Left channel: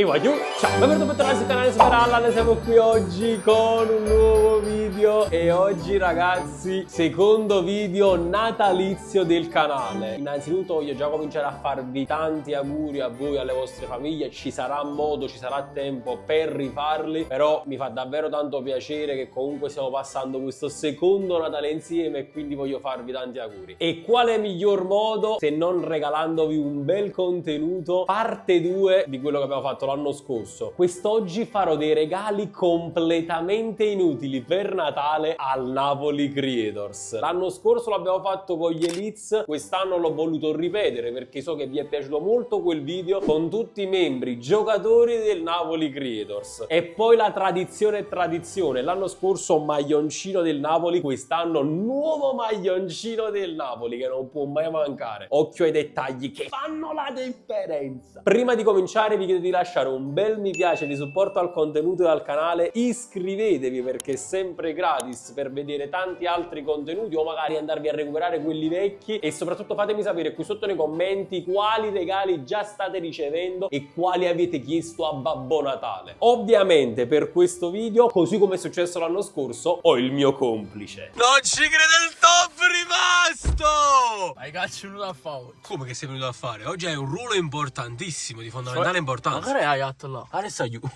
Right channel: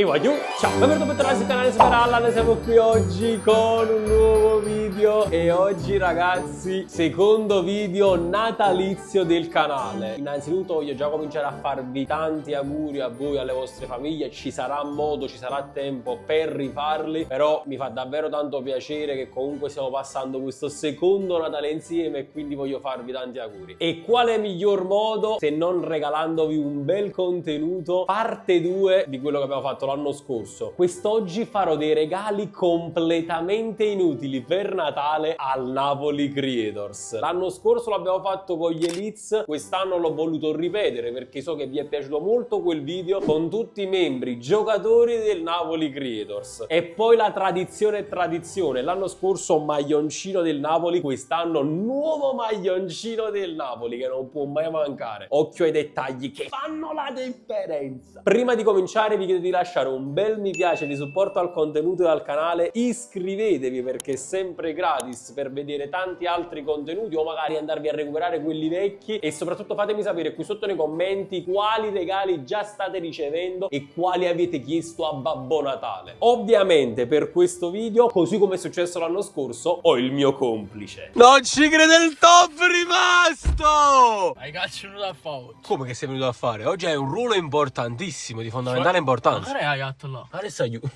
E voglio, ciao, benvenuti sul canale Superalla, siamo qui oggi con un nuovo video e oggi ragazzi, secondo video natalizio del canale. Innanzitutto voglio già cominciare a farvi tanti auguri a voi, alle vostre famiglie, ci sarà modo, ci sarà tempo per rifarli, però mi fa davvero tanto piacere che comunque stiamo passando questo secondo Natale insieme e quindi voglio farvi tanti auguri. E quale miglior modo se non regalandovi un bel contenuto, parte 2 di quello che abbiamo fatto l'anno scorso. Quest'oggi farò dei regali completamente inutili per Natale al Napoli Creators. L'anno scorso l'abbiamo fatto con gli Elites, quest'anno l'ho voluto ripetere perché so che vi è piaciuto molto quel video con tutti i membri giocatori del Napoli Creators. E poi la tradizione è tradizione, l'anno scorso maglioncino del Napoli, quest'anno nuovo maglioncino del Napoli che non può mai mancare. Occhio ai dettagli che fanno la differenza. Prima di cominciare vi chiedo di lasciare un bel mi piace di supporto al contenuto e al canale, iscrivetevi perché è sempre gratis per vedere tanti altri contenuti o magari andarvi a recuperare quelli vecchi, e soprattutto fatemi sapere qui sotto nei commenti quali regali già state ricevendo e quali avete chiesto a Babbo Natale. Ovviamente per questo video, così come è successo l'anno scorso, ho il mio complice. Non ci crede, il top rimasto! Hai cazzo venuto a fare? Come che sei venuto a fare? Oggi è un ruolo importantissimo, di fondamentale importanza. Ma che hai fatto là? Adesso aiuto.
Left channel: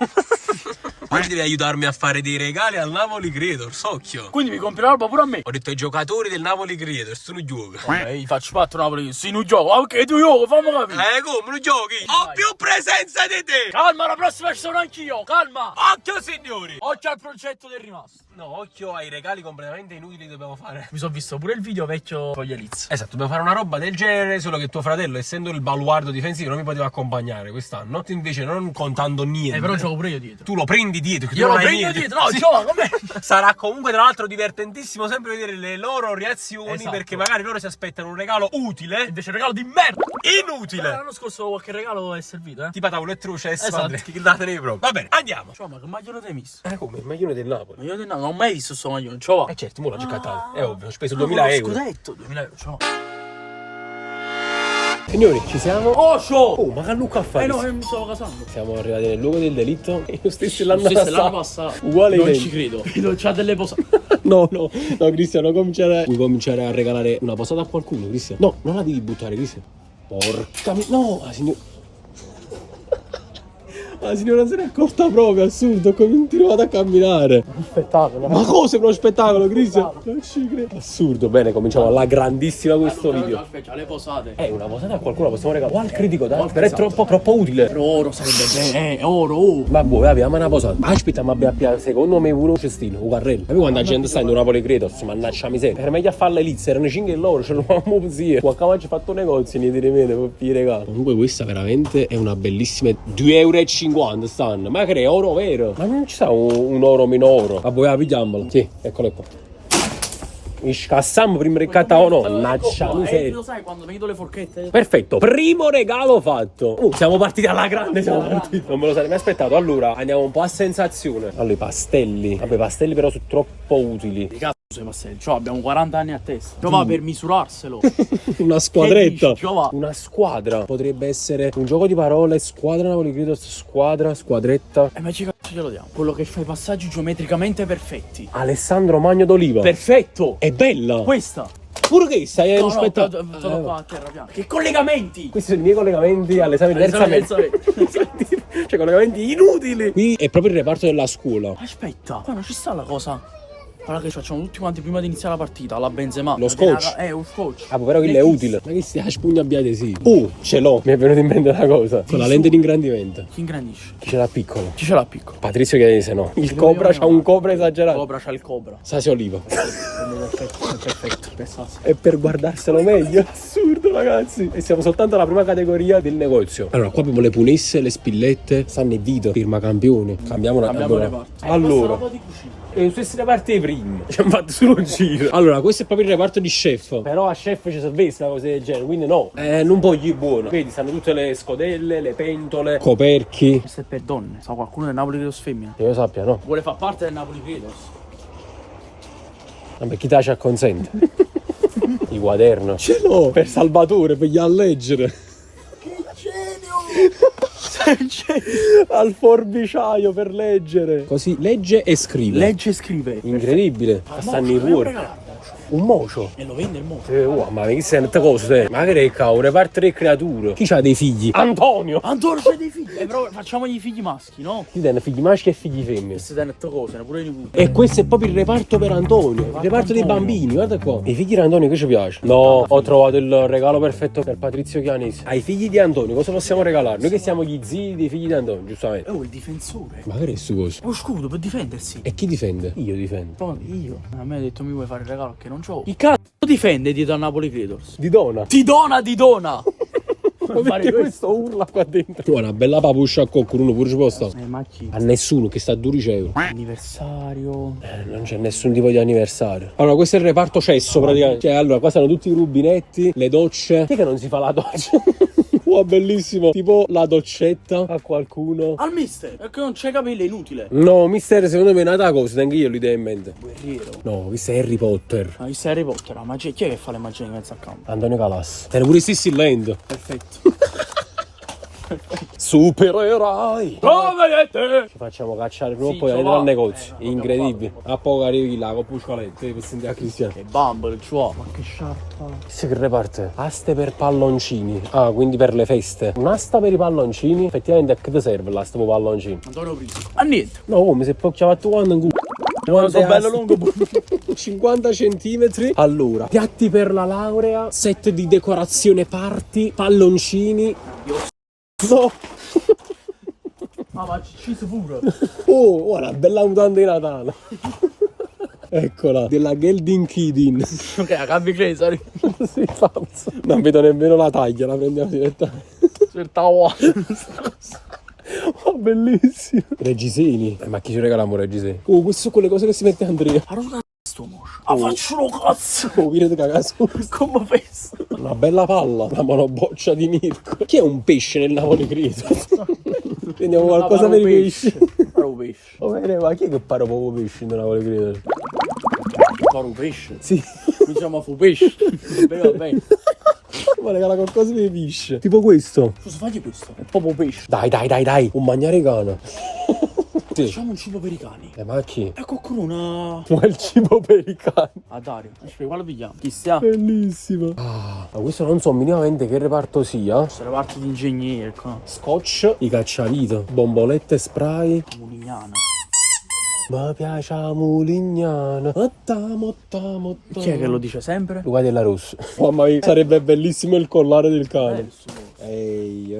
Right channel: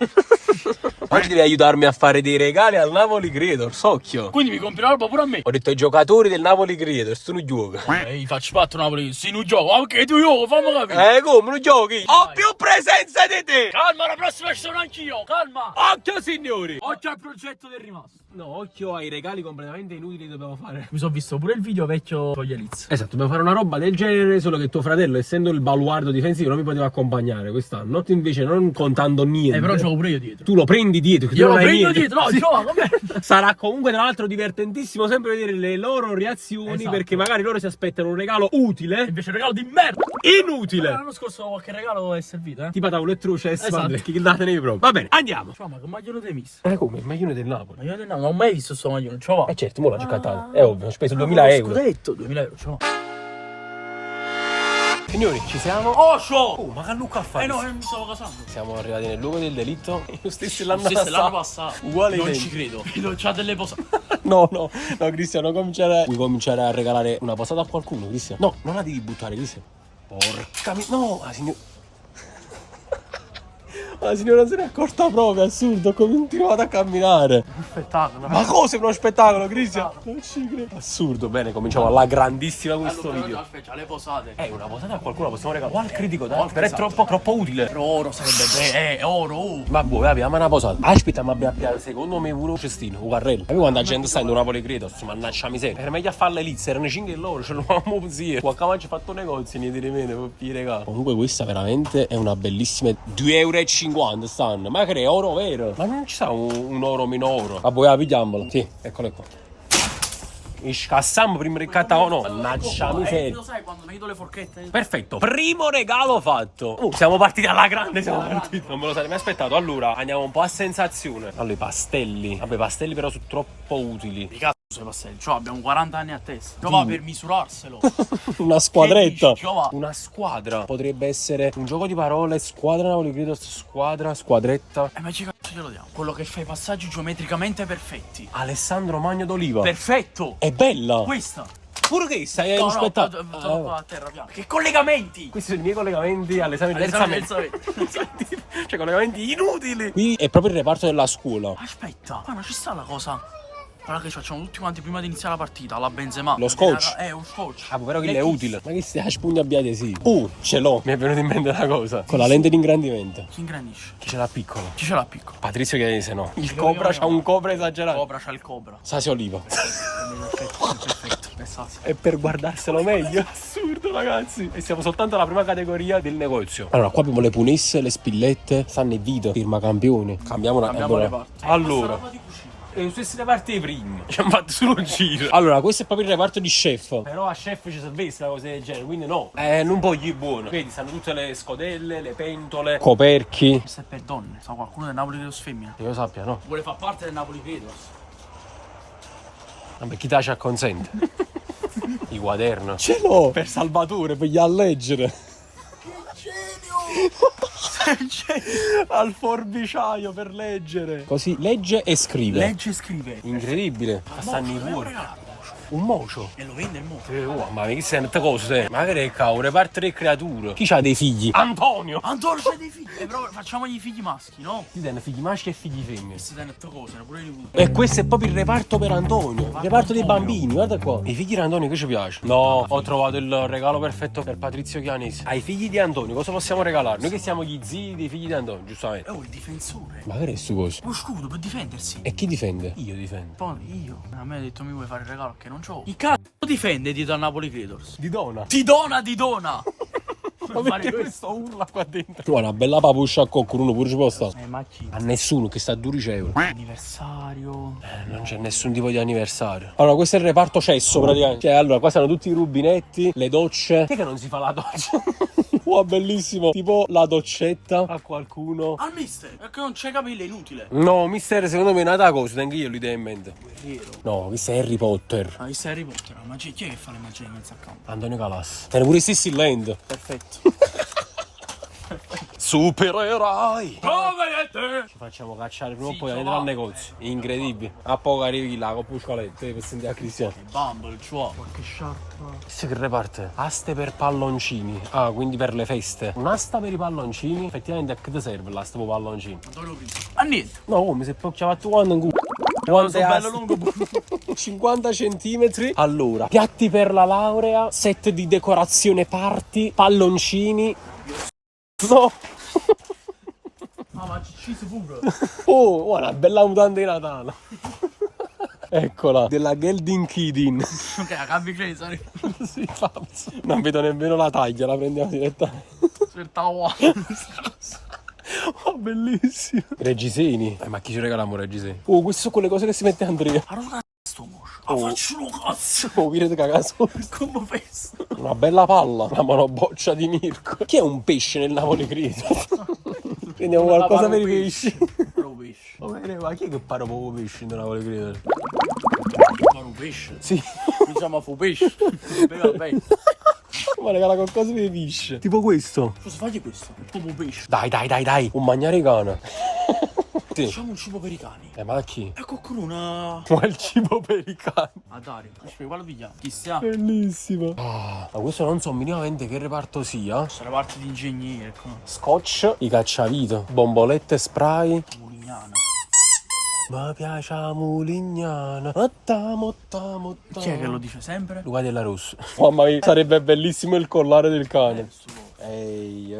Quindi devi aiutarmi a fare dei regali al Napoli Creators, occhio. Quindi mi compri l'alba pure a me? Ho detto ai giocatori del Napoli Creators, tu non giochi. Gli faccio patto Napoli, sì, non gioco. Ok, tu gioco, fammi capire. Come non giochi? Ho Vai. più presenza di te. Calma, la prossima ci sono anch'io, calma. Occhio signori. Occhio al progetto del rimasto. No, occhio ai regali completamente inutili che dobbiamo fare. Mi sono visto pure il video vecchio con gli Elites. Esatto, dobbiamo fare una roba del genere, solo che tuo fratello, essendo il baluardo difensivo, non mi poteva accompagnare quest'anno. Tu invece non contando niente. Però gioco pure io dietro. Tu lo prendi dietro, che Io tu lo non hai prendo niente. dietro, no, Sì. gioca con me. Sarà comunque tra l'altro divertentissimo sempre vedere le loro reazioni, Esatto. perché magari loro si aspettano un regalo utile, Invece un regalo di merda. inutile. L'anno scorso qualche regalo è servito, Tipo tavolo e truce, Esatto. che datenevi proprio. Va bene, andiamo. Ciao, ma che maglione ti hai messo? Come? Il maglione del Napoli. Ma io non ho mai visto sto maglione, ciao. Certo, mo l'ho giocato. È ovvio, ho speso 2000 euro. Scudetto, 2000 euro, ciao. Signori, ci siamo? Oh, show! Oh, ma che Luca a fare? No, mi stavo casando. Siamo arrivati nel luogo del delitto. Io stesso l'anno passato. Uguale Non identico. ci credo. C'ha delle posate. No, Cristiano, cominciare. Vuoi cominciare a regalare una posata a qualcuno, Cristiano? No, non la devi buttare, Cristiano. Porca no, la signora. La signora se ne è accorta proprio, assurdo, ho continuato a camminare. Un spettacolo. Ma cosa è uno spettacolo, Cristiano? Non ci credo. Assurdo, bene, cominciamo alla grandissima questo video. Aspetta, le posate. Una posata a qualcuno la possiamo regalare. O al critico, dai. Esatto. Però è troppo utile. Però oro sarebbe bene, oro. Vabbè, abbiamo una posata. Aspetta, ma abbiamo secondo me pure un cestino, un carrello. Capi quando la gente sta in un Napoli Creators, mannaggia miseria. Era meglio a farle Elites, erano 5 loro, ce l'avevamo così. Qualcuno ci ha fatto un negozio, niente di meno, per i regali. Comunque questa veramente è una bellissima 2,50 euro stanno. Ma che è oro vero? Ma non ci sta un oro meno oro. Vabbè, la pigliamola. Sì, eccolo qua. Scassammo prima del o no? Mannaggia miseria. Lo sai quando vedo le forchette? Perfetto, primo regalo fatto. Siamo partiti alla grande, siamo partiti. Non me lo sarei mai aspettato. Allora, andiamo un po' a sensazione. Allora, i pastelli. Vabbè, i pastelli però sono troppo utili. Di cazzo sei pastelli. Cioè, abbiamo 40 anni a testa. Giova per misurarselo. Una squadretta. Che dici, Giova? Una squadra. Potrebbe essere un gioco di parole. Squadra Napoli Creators, squadra, squadretta. Ma che cazzo glielo diamo? Quello che fa i passaggi geometricamente perfetti. Alessandro Magno d'Oliva. Perfetto. È bella. Questa. Pure che stai No, rispettato. qua a terra piano. Che collegamenti? Questi sono i miei collegamenti all'esame di terza media. Cioè collegamenti inutili. Qui è proprio il reparto della scuola. Aspetta, qua non ci sta la cosa. Guarda che ci facciamo tutti quanti prima di iniziare la partita, la Benzema. Lo scotch. Un scotch. Ah, però quello è utile. Ma che stia spugnabiate sì. Ce l'ho. Mi è venuto in mente una cosa. Con la lente di ingrandimento. Chi ingrandisce? Chi ce l'ha piccolo? Chi ce l'ha piccolo? Patrizio chiede se no. Il cobra c'ha un cobra esagerato. Cobra c'ha il cobra. Sassi Oliva. Perfetto. È per guardarselo meglio. Assurdo, ragazzi. E siamo soltanto alla prima categoria del negozio. Allora, qua abbiamo le punesse, le spillette, San e Vito, firma campione. Cambiamo le parti. Allora. E queste reparti prima. Ci hanno fatto solo un giro. Allora, questo è proprio il reparto di chef. Però a chef ci serve una cosa del genere, quindi no. Non voglio buono. Vedi, stanno tutte le scodelle, le pentole, coperchi. Questo è per donne. Sa qualcuno del Napoli Creators femmina? Che io sappia, no. Vuole far parte del Napoli Creators. Vabbè, chi te ci acconsente? I quaderno. Ce l'ho per Salvatore, per gli a leggere. Genio! Al forbiciaio per leggere. Così legge e scrive. Legge e scrive. Incredibile. Stanno in cuore. Un mocio. E lo vende il mocio. Ma che sei tante cose? Ma che cavolo, reparto le creature. Chi c'ha dei figli? Antonio. Antonio c'ha dei figli. Però facciamogli figli maschi, no? Ti danno figli maschi e figli femmine. Queste danno tutte cose, ne pure i nipoti. E questo è proprio il reparto per Antonio. Il reparto dei Antonio. bambini, guarda qua. E i figli di Antonio che ci piace? No, ho trovato il regalo perfetto per Patrizio Chianesi. Ai figli di Antonio cosa possiamo regalare? Noi che siamo gli zii dei figli di Antonio, giustamente. Oh, il difensore. Ma che è sto coso? Lo scudo per difendersi. E chi difende? Io difendo. Poi io. A me ha detto mi vuoi fare il regalo che non c'ho. Il cazzo difende dietro a Napoli Creators. Di dona. Ti dona! Ma perché questo urla qua dentro? Guarda, una bella papuscia a cocco, pure ci può stare. Ma chi? A nessuno che sta a 12 euro. Anniversario. Non c'è nessun tipo di anniversario. Allora, questo è il reparto cesso praticamente. Cioè, allora, qua stanno tutti i rubinetti, le docce. Chi è che non si fa la doccia? Wow, bellissimo. Tipo la doccetta a qualcuno. Al mister, perché non c'è capelli, è inutile. No, mister, secondo me è nata cosa, tengo io l'idea in mente. Guerriero. No, questo è Harry Potter. Ma questo è Harry Potter, la magia. Chi è che fa le magie in mezzo a campo? Antonio Calas. Tiene pure Sissi Land. Perfetto. Supereroi. Come te? Ci facciamo cacciare proprio Sì, poi ci dentro va. al negozio. Incredibile. A poco arrivi là con Puscoletto, per sentire a Cristiano. E Bumble, ciò. Ma che sciarpa. Questo che reparte? Aste per palloncini. Ah, quindi per le feste. Un'asta per i palloncini. Effettivamente a che ti serve l'asta per i palloncini? Antonio Prisi. Ma niente. No, come se poi chiamato quando in culo. Quando sono bello lungo. 50 centimetri. Allora, piatti per la laurea, set di decorazione party, palloncini. No. Ma ci pure. Oh, una bella mutanda di Natale. Eccola, della Gelding Kidin. Ok, a cambi Cesari. Sì, pazzo. Non vedo nemmeno la taglia, la prendiamo direttamente. Certao. Oh, bellissimo. Reggiseni. Ma chi ci regaliamo Reggiseni? Oh, queste sono quelle cose che si mette Andrea. Allora sto moscio. Ah, faccio lo cazzo. Oh, viene cagato. Come festo. Una bella palla, una monoboccia di Mirko. Chi è un pesce nel Napoli Credo? Prendiamo qualcosa per i pesci. Paro pesce. Va bene, ma chi è che para proprio pesci nel Napoli Credo? Paro pesce. Sì. Mi chiama fu pesce. Va bene. Ma regala qualcosa per i pesci. Tipo questo. Cosa fagli questo? È proprio pesce. Dai. Un mangiaricano. Sì. Facciamo un cibo per i cani. Ma a chi? E qualcuno una... Ma il cibo per i cani. A Dario. Aspetta, quale pigliamo? Chi sta? Bellissimo. Ma questo non so minimamente che reparto sia. Sono le parti di ingegnere qua. Scotch, i cacciavito, bombolette spray. Mulignana. Ma piace la mulignana. Motta. Chi è che lo dice sempre? Luca della Rossa. Mamma mia, sarebbe bellissimo il collare del cane. Ehi.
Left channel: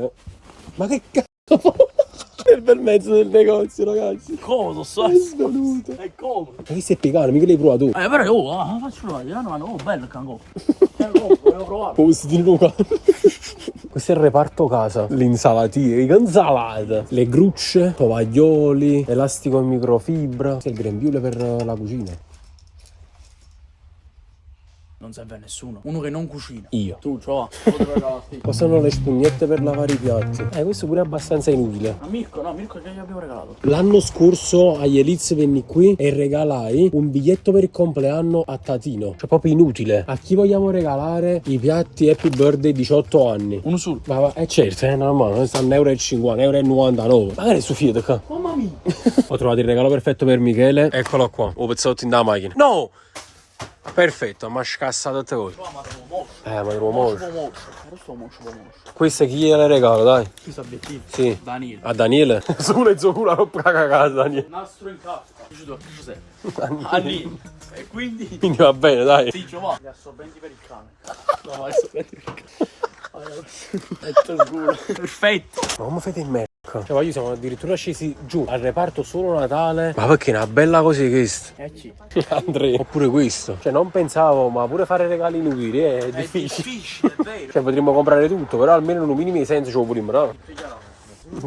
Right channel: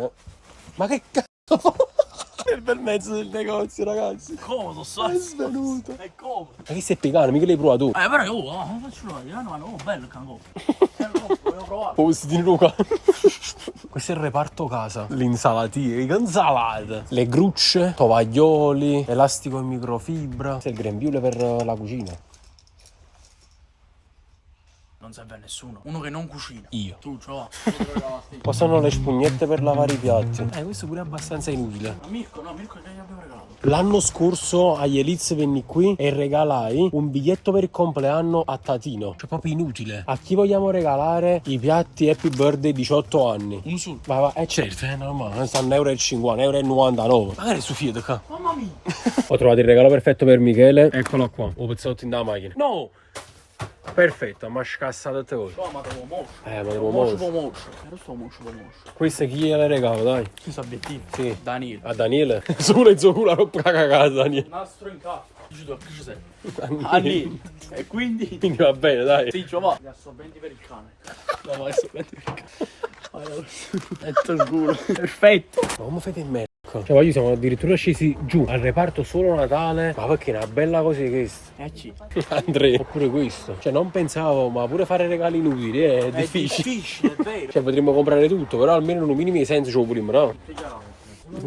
Ma che cazzo? Nel bel mezzo del negozio, ragazzi. Cosa sta? È svenuto. E come? Ma che sei pegano, mica l'hai provato tu. Però faccio provare. Oh, bello il cangò. Volevo provare. Posti di Luca. Questo è il reparto casa. L'insalatina, le insalate, le grucce, tovaglioli, elastico in microfibra. Questo è il grembiule per la cucina. Non serve a nessuno. Uno che non cucina. Io. Tu, ciò. Possono le spugnette per lavare i piatti. Questo pure è abbastanza inutile. Ma Mirko che gli abbiamo regalato? L'anno scorso agli Eliz venni qui e regalai un biglietto per il compleanno a Tatino. Cioè proprio inutile. A chi vogliamo regalare i piatti Happy Birthday 18 anni? Uno solo. Ma certo, è normale, stanno €1,50, €1,99. Magari su Fiat qua. Mamma mia. Ho trovato il regalo perfetto per Michele. Eccolo qua. Ho pezzotto in da macchina. No! Perfetto, ma scassato te voi. Ma devo moscio. Ma devo moscio. Questo moscio. Questo chi gliele regalo, dai? Questo obiettivo. Sì. Daniele. A Daniele? Solo zucura roba cagata, Daniele. Nastro in casa. Dici tu, che ci sei? Daniele. E quindi... Quindi va bene, dai. Sì, va. Gli assorbenti per il cane. No, assorbenti per il cane. Perfetto. Ma come fate in merda? Cioè, voglio, siamo addirittura scesi giù al reparto solo Natale. Ma perché è una bella così questa? Chi? Andrea. Oppure questo. Cioè, non pensavo, ma pure fare regali inutili è difficile. È difficile, è vero. Cioè, potremmo comprare tutto, però almeno un minimo di senso ce lo prima, no?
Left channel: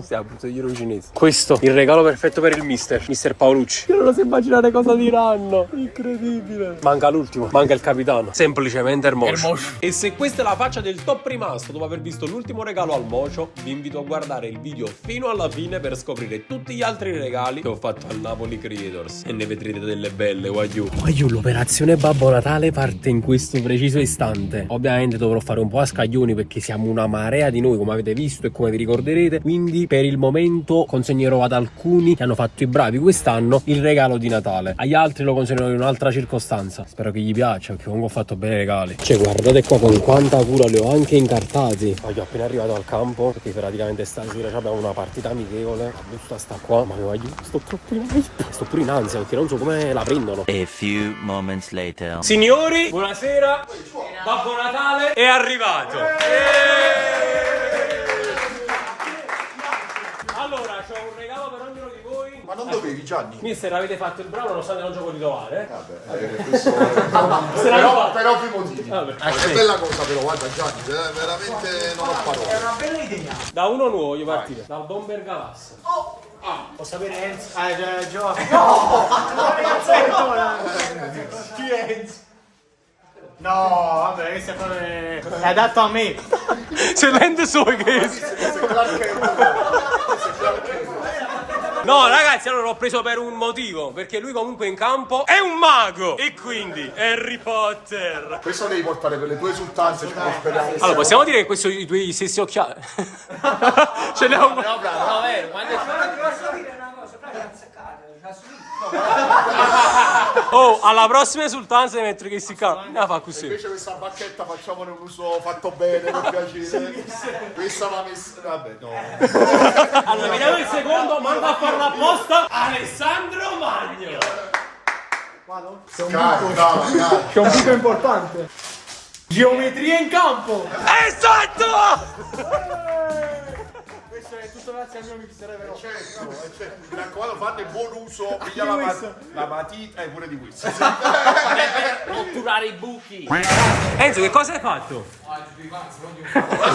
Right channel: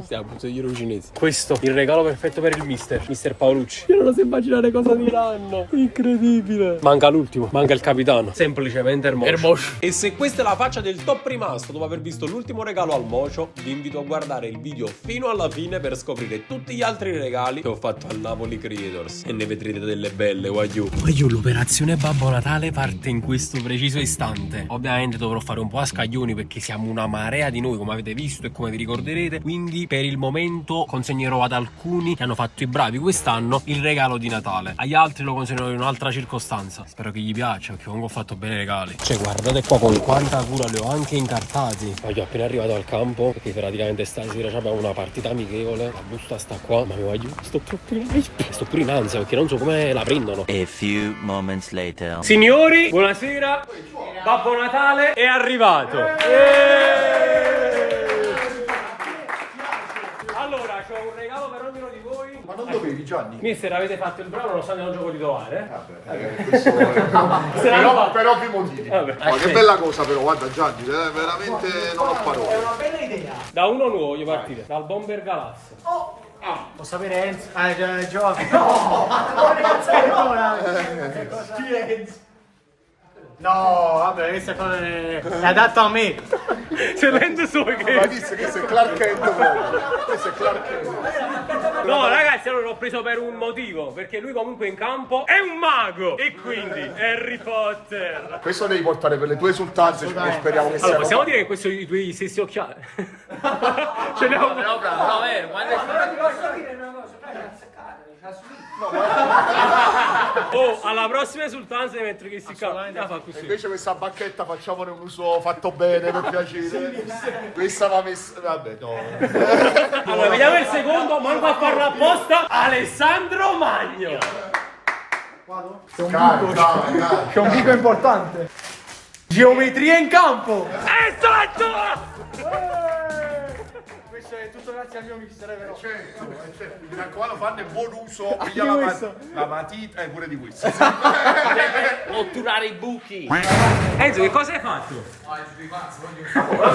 Stiamo giro cinese. Questo, il regalo perfetto per il mister Paolucci. Io non lo so immaginare cosa diranno. Incredibile. Manca l'ultimo, manca il capitano. Semplicemente Hermoso. E se questa è la faccia del top rimasto dopo aver visto l'ultimo regalo al Mocio, vi invito a guardare il video fino alla fine per scoprire tutti gli altri regali che ho fatto al Napoli Creators. E ne vedrete delle belle, wagyu. L'operazione Babbo Natale parte in questo preciso istante. Ovviamente dovrò fare un po' a scaglioni perché siamo una marea di noi, come avete visto e come vi ricorderete. Quindi per il momento consegnerò ad alcuni che hanno fatto i bravi quest'anno il regalo di Natale. Agli altri lo consegnerò in un'altra circostanza. Spero che gli piaccia, perché comunque ho fatto bene i regali. Cioè guardate qua con quanta cura li ho anche incartati. Voglio appena arrivato al campo, perché praticamente stasera abbiamo una partita amichevole. La busta sta qua, ma mi voglio. Sto pure in ansia perché non so come la prendono. A few moments later. Signori, buonasera. Babbo Natale è arrivato. Allora, c'ho un regalo per ognuno di voi. Ma non dovevi, Gianni? Mister, avete fatto il bravo nonostante non gioco di trovare. Questo... però per ovvi motivi. Che bella cosa però, guarda Gianni, veramente non ho parole. È una bella idea. Da uno nuovo voglio partire, dal Bomber Galas. Posso sapere Enzo? Giovanni. No! Chi è Enzo? No, vabbè, questa cosa è adatta a me. Se vende solo che... No ragazzi, allora l'ho preso per un motivo, perché lui comunque in campo è un mago e quindi Harry Potter. Questo devi portare per le tue esultanze, speriamo che Allora possiamo dire che questo sono i tuoi stessi occhiali? Ce ne ho un... Oh, alla prossima esultanza devi mettere che si cava. Fa così. invece questa bacchetta facciamone un uso fatto bene, per piacere. Questa va messa... Vabbè, no. Allora, vediamo il secondo, manco a farlo apposta. Alessandro Magno. C'è un buco importante. Geometria in campo. Esatto! Questo è tutto grazie al mio mister, però. Mi raccomando, fanne buon uso. La matita e pure di questo. Otturare i buchi. Enzo, che cosa hai fatto?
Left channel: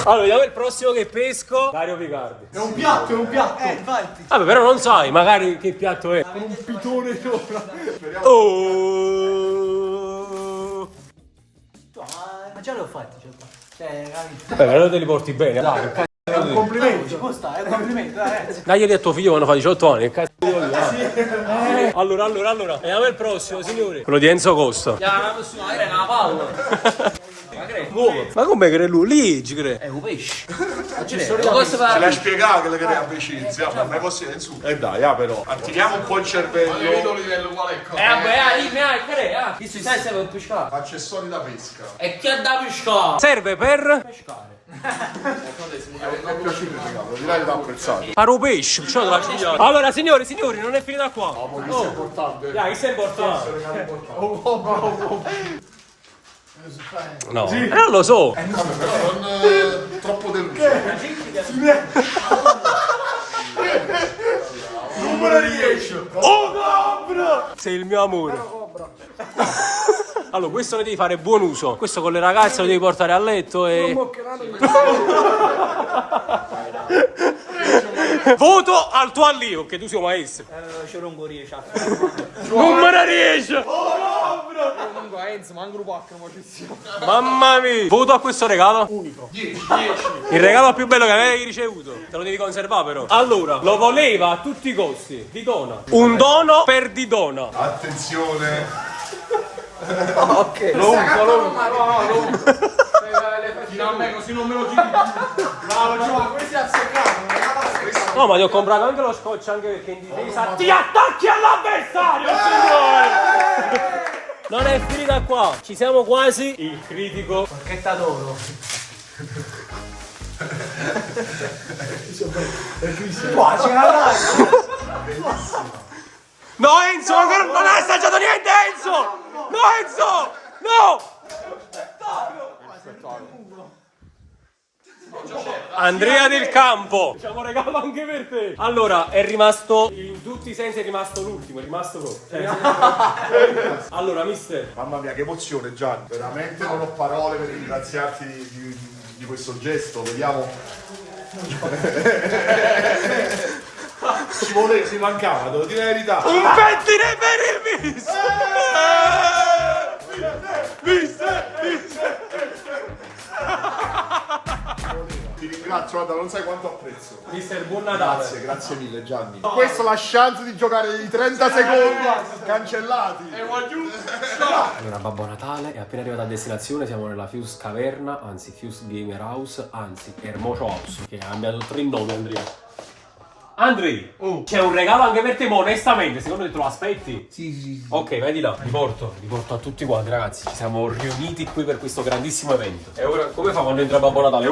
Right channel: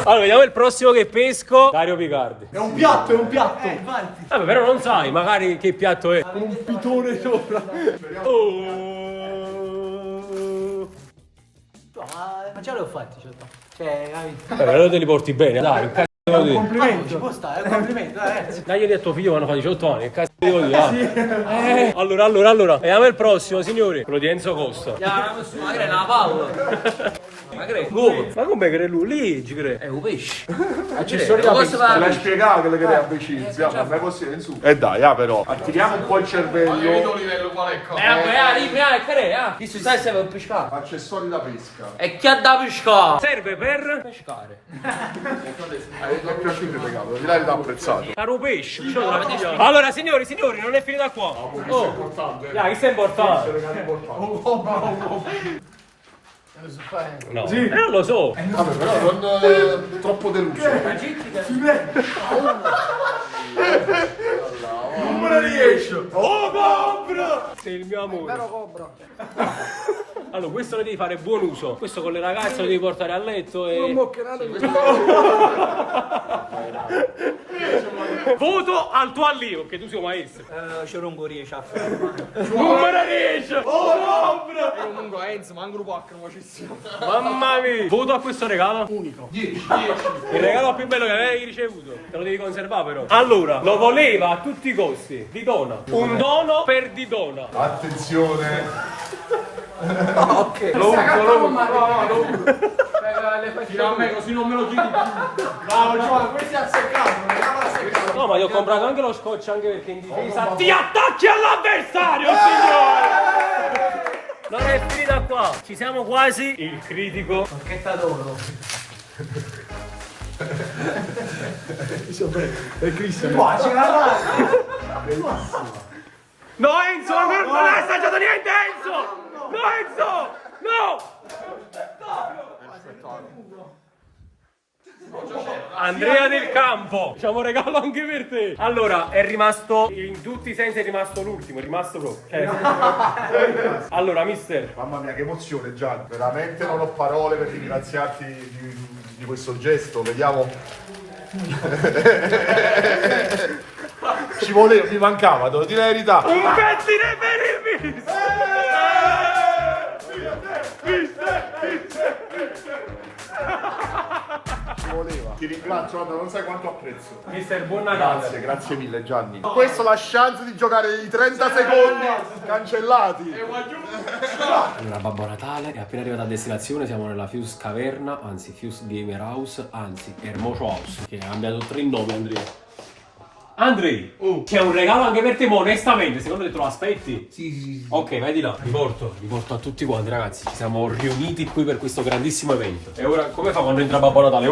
Allora, vediamo il prossimo che pesco. Dario Picardi. È un piatto, è un piatto. Vabbè, però non sai magari che piatto è. Con un pitone sopra. Oh. Ma già li ho fatti, cioè, capito? Allora te li porti bene, dai. Che cazzo È un complimento, ci può stare, è un complimento, dai. Dai a tuo figlio quando fa 18 anni, che cazzo devo dire? Allora, vediamo il prossimo, signori. Quello di Enzo Costa. Magari è una palla. Ma come crede lui? Lì ci crede. È un pesce. Ce l'hai spiegato che le crei amicizia, ma mai possibile in su. E dai, però, attiviamo un po' il cervello. Visto sai se per pescare. Accessori da pesca. E chi ha da pescare? Serve per Pescare. Mi è piaciuto il regalo, direi che l'ha apprezzato. fare un pesce. Allora, signori, non è finita qua. Questo è importante. Questo è importante. Regalo importante. No, non lo so. Però non troppo deluso. Numero 10. Oh Cobra! Sei il mio amore. Allora, questo ne devi fare buon uso. Questo con le ragazze lo devi portare a letto e... Voto al tuo allievo, che tu sei un maestro. C'era un gorilla, ciao. Non me ne riesce! Comunque Enzo, ma un gruppo H, ma ci siamo. Mamma mia! Voto a questo regalo? Unico. 10. Il regalo più bello che avevi ricevuto. Te lo devi conservare però. Allora, lo voleva a tutti i costi. Didona. Un dono per Didona. Attenzione. Ok. Lo così non me lo chiedi più. No, questo è azzeccato. No, ma ti ho comprato anche lo scotch anche perché in difesa ti attacchi all'avversario, signore! Non è finita qua, ci siamo quasi. Il critico. Bacchetta d'oro. È Cristian. Qua c'è la No, Enzo, ancora non hai assaggiato niente, Enzo! No, Enzo! No! Andrea del Campo, facciamo regalo anche per te. Allora, è rimasto, in tutti i sensi è rimasto l'ultimo, è rimasto proprio. Allora, mister. Mamma mia, che emozione, Gianni. Veramente non ho parole per ringraziarti di questo gesto. Vediamo. Ci voleva, si mancava, devo dire la verità. Un pettine per il Ti ringrazio, guarda, non sai quanto apprezzo. mister, buon Natale. Grazie mille Gianni. Questa è la chance di giocare i 30 secondi cancellati. Allora, Babbo Natale è appena arrivato a destinazione, siamo nella Fuse Caverna, anzi Fuse Gamer House, anzi Hermoso House, che ha cambiato 3 nomi, Andrea. Andrei, c'è un regalo anche per te, ma onestamente, secondo te lo aspetti? Sì. Ok, vai di là, vi porto a tutti quanti, ragazzi. Ci siamo riuniti qui per questo grandissimo evento. E ora, come fa quando entra Babbo Natale?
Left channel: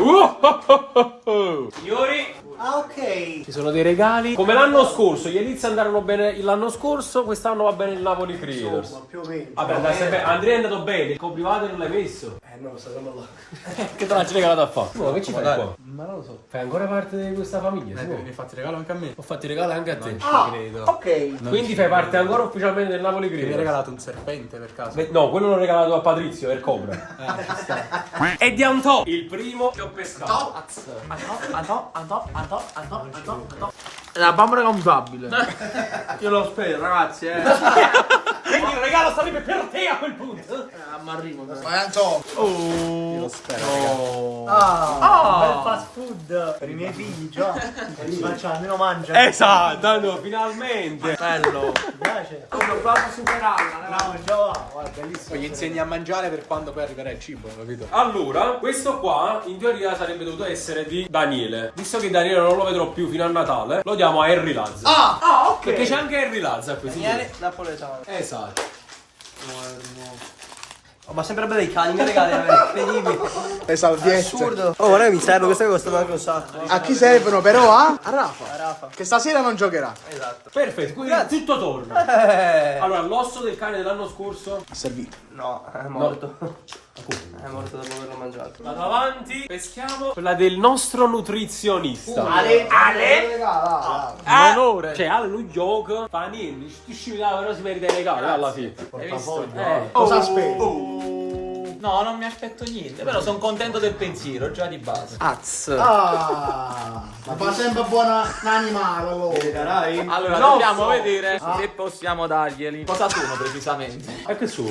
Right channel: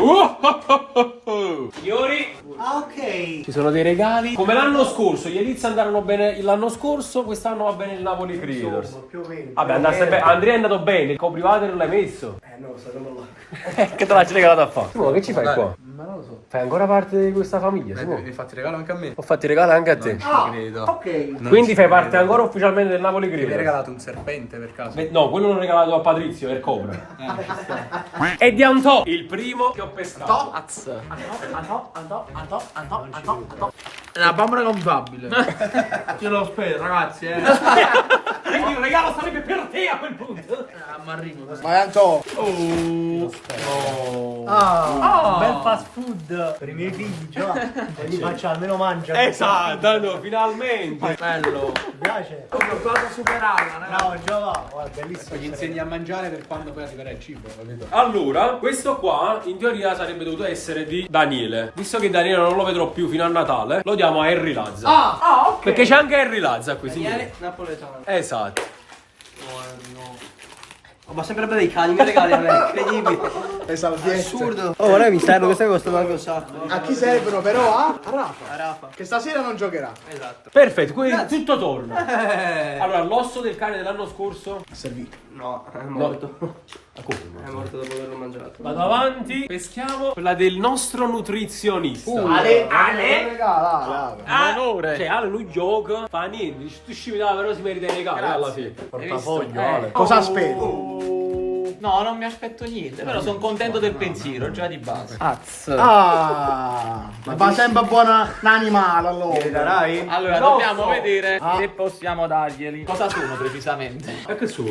Signori, Ok. ci sono dei regali. Come l'anno scorso, gli Elizia andarono bene l'anno scorso, quest'anno va bene il Napoli Creators. Più o meno. Vabbè, andasse bene. Andrea è andato bene, il coprivato non l'hai messo. No, statelo là. Che te l'hai regalato a fare? Simo, che ci fai qua? Ma non lo so. Fai ancora parte di questa famiglia, Simo? Mi hai fatto regalo anche a me. Ho fatto i regali anche a te. Ok. Quindi fai parte ancora ufficialmente del Napoli Mi hai Creators. regalato un serpente per caso? No, quello l'ho regalato a Patrizio, il Cobra. E di Antò, il primo che ho pescato. La bambola contabile. Io lo spero, ragazzi, Quindi il regalo sarebbe per te a quel punto. Ma arrivo. Ma Anto, Bel fast food per i miei figli, già. Li faccio almeno mangiare. Esatto, finalmente. Bello. Ti piace? Ho provato a superarla, No, già va, guarda, bellissimo. Gli insegni a mangiare per quando poi arriverà il cibo, capito? Allora, questo qua in teoria sarebbe dovuto essere di Daniele. Visto che Daniele non lo vedrò più fino a Natale, lo diamo a Harry Lazza. Ok. Perché c'è anche Harry Lazza qui, signori. Napoletano. Esatto. Oh, ma sempre dei cani che regali a me, incredibile. le salviette. Assurdo. Oh, guarda mi serve, queste costano anche un sacco. A chi servono però? A Rafa. A Rafa. Che stasera non giocherà. Perfetto, quindi tutto torna. Allora, l'osso del cane dell'anno scorso. No, è morto. Come? È morto dopo averlo mangiato. Vado avanti, peschiamo quella del nostro nutrizionista. Onore. Cioè, Ale lui gioca, fa niente, tu scimmitava però si merita i regali alla fine. Hai visto? Cosa aspetti? No, non mi aspetto niente, però sono contento del pensiero, già di base. Ma va sempre buona un animale allora. Darai? Allora, dobbiamo vedere se possiamo darglieli. Cosa sono precisamente? E che su?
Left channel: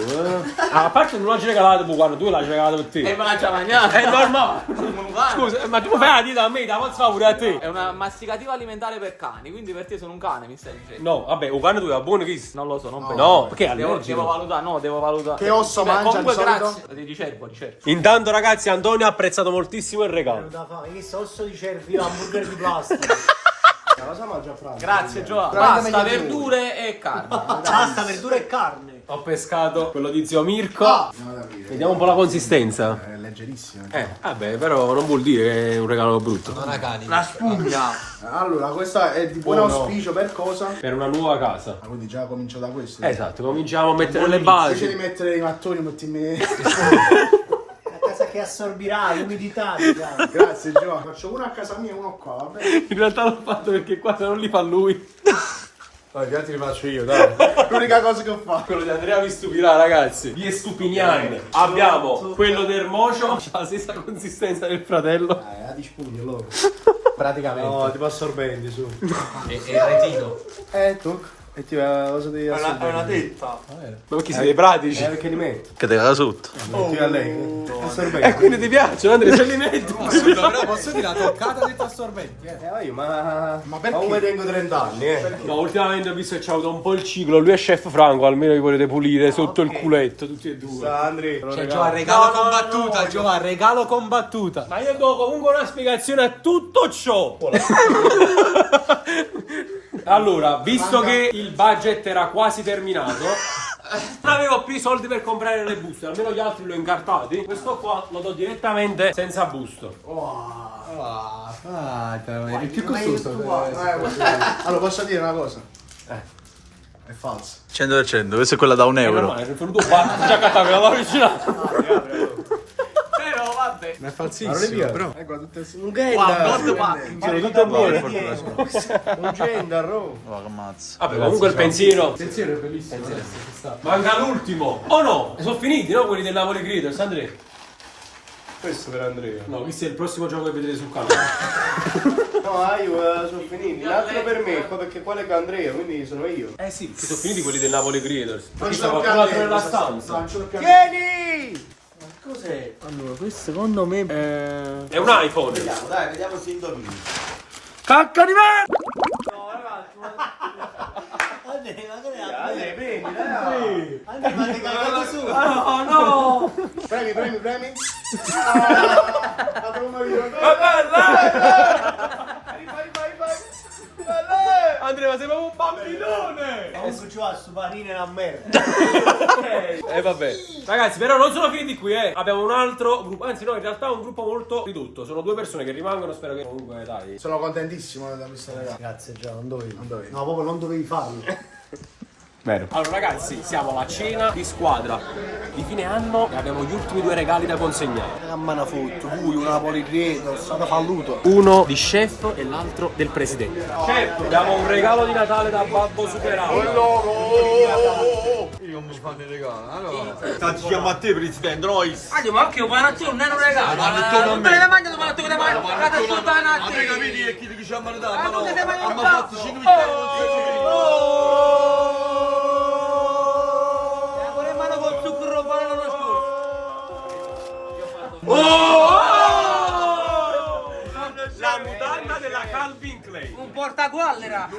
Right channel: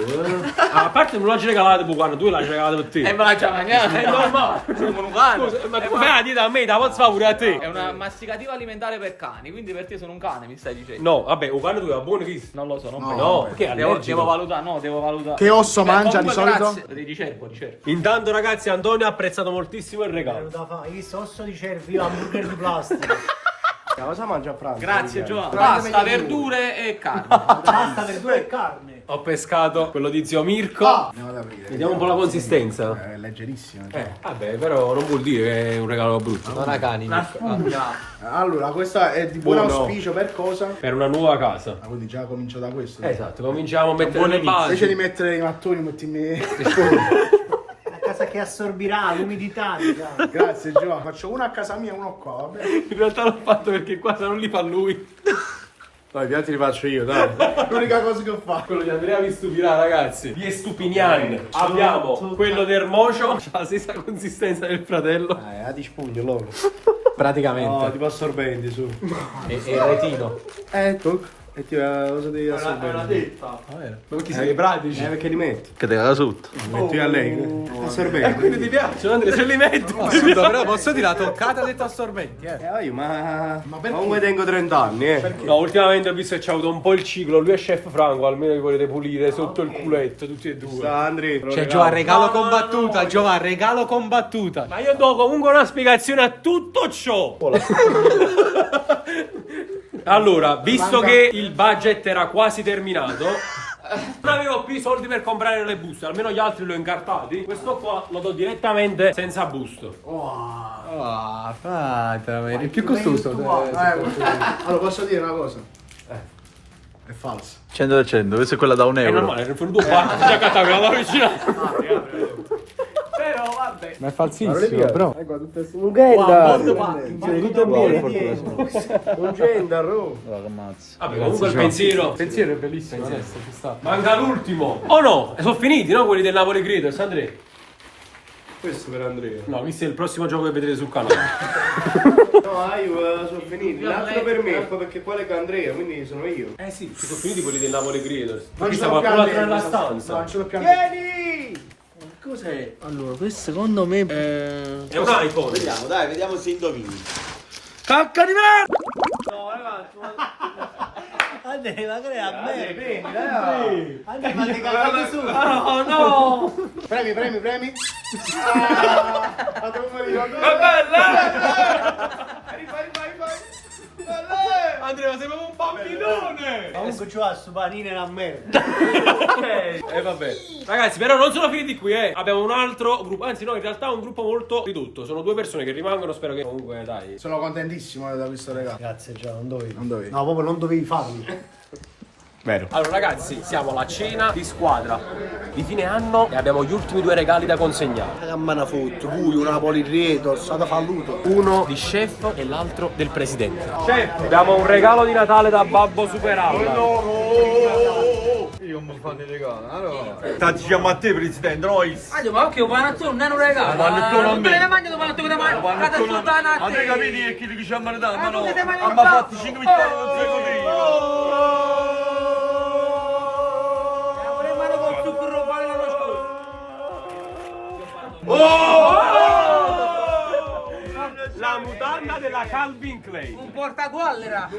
A parte non l'hai regalato, guarda, tu l'hai regalato per te. E me la già mangiata, è normale. Scusa, ma tu fai la dieta a me, la posso fare pure a te. È una masticativa alimentare per cani, quindi per te sono un cane, mi stai dicendo? No, vabbè, un cane tu è buono che Non lo so, non penso. No, perché è Devo allergico. valutare, no, devo valutare. Che osso Beh, mangia comunque di solito? grazie. Di cervo. Intanto ragazzi, Antonio ha apprezzato moltissimo il regalo. Da fare, io osso di cervo, io hamburger di plastica. Cosa mangia Franco? Grazie Giovanni. Pasta, verdure e carne. Pasta, verdura e carne. Ho pescato quello di zio Mirko. Vediamo un po' la consistenza. È leggerissimo. Vabbè, però non vuol dire che è un regalo brutto. La spugna. Allora, questa è di buon auspicio per cosa? Per una nuova casa. Ah, quindi già comincio da questo. Esatto, cominciamo a mettere le Invece di basi. mettere i mattoni, mettimi. La casa che assorbirà l'umidità, diciamo. Grazie Giovanni, faccio una a casa mia e uno qua, vabbè. In realtà l'ho fatto perché qua se non li fa lui. Dai, ti li faccio io, dai. L'unica cosa che ho fatto. Quello di Andrea vi stupirà, ragazzi. Gli Stupinian. Abbiamo quello del Mocio. Ha la stessa consistenza del fratello. La di spugno loro. Praticamente. No, tipo assorbenti su. E il retino. Tocca. E ti va cosa devi assorbenti? detta. Ma perché siete pratici? Perché li metti? Che te la sotto. Metti a lei. Assorbenti. E quindi ti piacciono, Andrea? Se li metti. Però posso dire la toccata detto assorbenti, Ma come tengo 30 anni, No, ultimamente ho visto che c'ha avuto un po' il ciclo. Lui è chef Franco, almeno vi volete pulire sotto il culetto, tutti e due. Andri. C'è Giovanni, regalo combattuta. Giovanni, regalo combattuta. Ma io do comunque una spiegazione a tutto ciò. Allora, visto che il budget era quasi terminato, non avevo più i soldi per comprare le buste, almeno gli altri li ho incartati. Questo qua lo do direttamente senza busto. Il più costoso. Allora posso dire una cosa? È falso. 100%, questa è quella da È normale, è venuto già cattato, la vicina. Però vabbè. Ma è falsissimo, bro. Un genda. Un gender, oh. Vabbè, comunque il pensiero è bellissimo adesso, ci sta. Manca l'ultimo. Oh no, sono finiti, no? Quelli del Napoli Creators, Andrea. Questo per Andrea. No, questo è il prossimo gioco che vedrete sul canale. No, io sono finiti. L'altro per me, poi perché quale che Andrea, quindi sono io. Eh sì, sono finiti quelli del Napoli Creators. Qui sta qualcun altro nella stanza. Vieni! Cos'è? Allora, questo secondo me È un iPhone. Vediamo se indovini. Cacca di merda! Andrea, ma che a me? Premi, dai! Andrea, ma ti cagato su! No, no! Premi! Fate un video! Andrea, sei proprio un bambinone! Adesso ci va su panine la merda! E vabbè. Ragazzi, però non sono finiti qui, Abbiamo un altro gruppo. Anzi, no, in realtà è un gruppo molto ridotto. Sono 2 persone che rimangono. Spero che comunque, dai. Sono contentissimo da questo regalo. Grazie, già, non dovevi. No, proprio non dovevi farlo. Vero. Allora ragazzi, siamo alla cena di squadra di fine anno e abbiamo gli ultimi 2 regali da consegnare. A Manafut, voi, un Napoli Creators, state falluto. Uno di chef e l'altro del presidente. Chef, abbiamo un regalo di Natale da Babbo Superaula. Io mi fate regalo, allora. Diciamo a te, presidente, noi. Ma occhio, un panettone non è un regalo. Panettone a me. Non hai mangiato panettone da mangiare. Cata sultana a A te. me capiti e chi ti diciamo a dare, ma no. Ma che sei Ma fatti 5 vittorie, non si capito. La mutanda della Calvin Klein. Un portaguallera.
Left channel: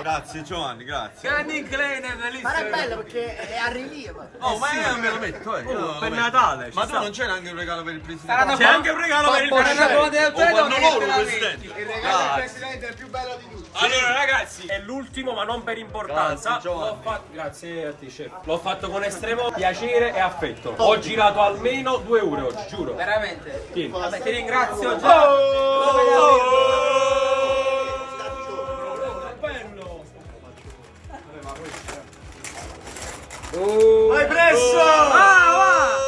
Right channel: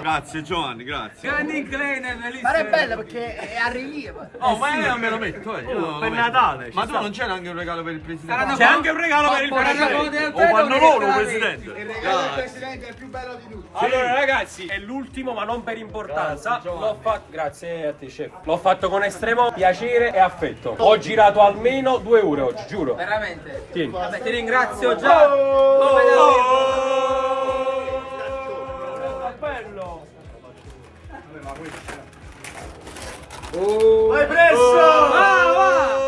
Grazie Giovanni, grazie. Calvin Klein è bellissimo. Ma è bello perché è a rilievo. Oh, ma io me lo metto, Per Natale. Ma tu non c'è neanche un regalo per il presidente? C'è anche un regalo per il presidente. O fanno loro, presidente. Presidente è il più bello di tutti. Allora ragazzi, è l'ultimo ma non per importanza. Grazie, Giovanni. L'ho fatto. Grazie a te, chef. L'ho fatto con estremo piacere e affetto. Ho girato almeno 2 ore oggi, giuro. Veramente. Sì. Vabbè, ti ringrazio già. Bello. Vai presso! Va!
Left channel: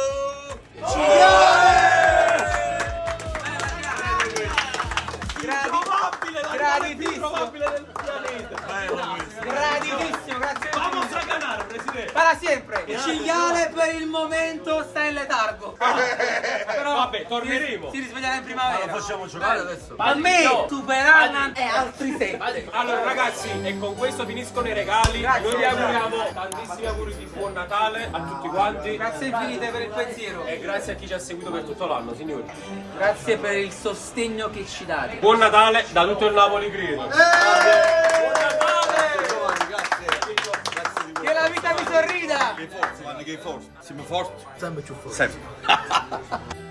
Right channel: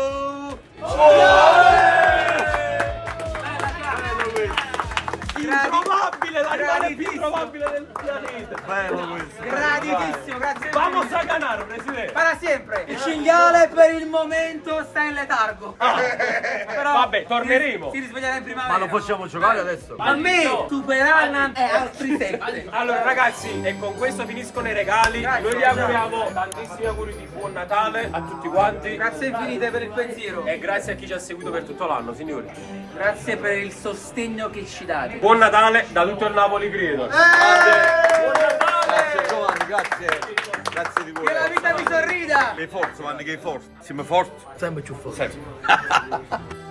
Probabile, la regalo più probabile del pianeta. Bello questo. Graditissimo, grazie. Vamos a ganar, presidente. Para sempre. Il cinghiale per il momento sta in letargo. Però Vabbè, torneremo. si risveglierà in Ma primavera. lo possiamo giocare adesso? A me Super Allan e altri 7. Allora ragazzi, e con questo finiscono i regali. Noi vi auguriamo tantissimi auguri di buon Natale a tutti quanti. Grazie infinite per il pensiero. E grazie a chi ci ha seguito per tutto l'anno, signori. Grazie per il sostegno che ci date. Buon Natale da tutto il Napoli Creators. Buon Natale! Giovanni, grazie. Grazie di voi. Che la vita vi sorrida. Che forza, Giovanni, che forza. Siamo forti. Sempre più forte. Sempre.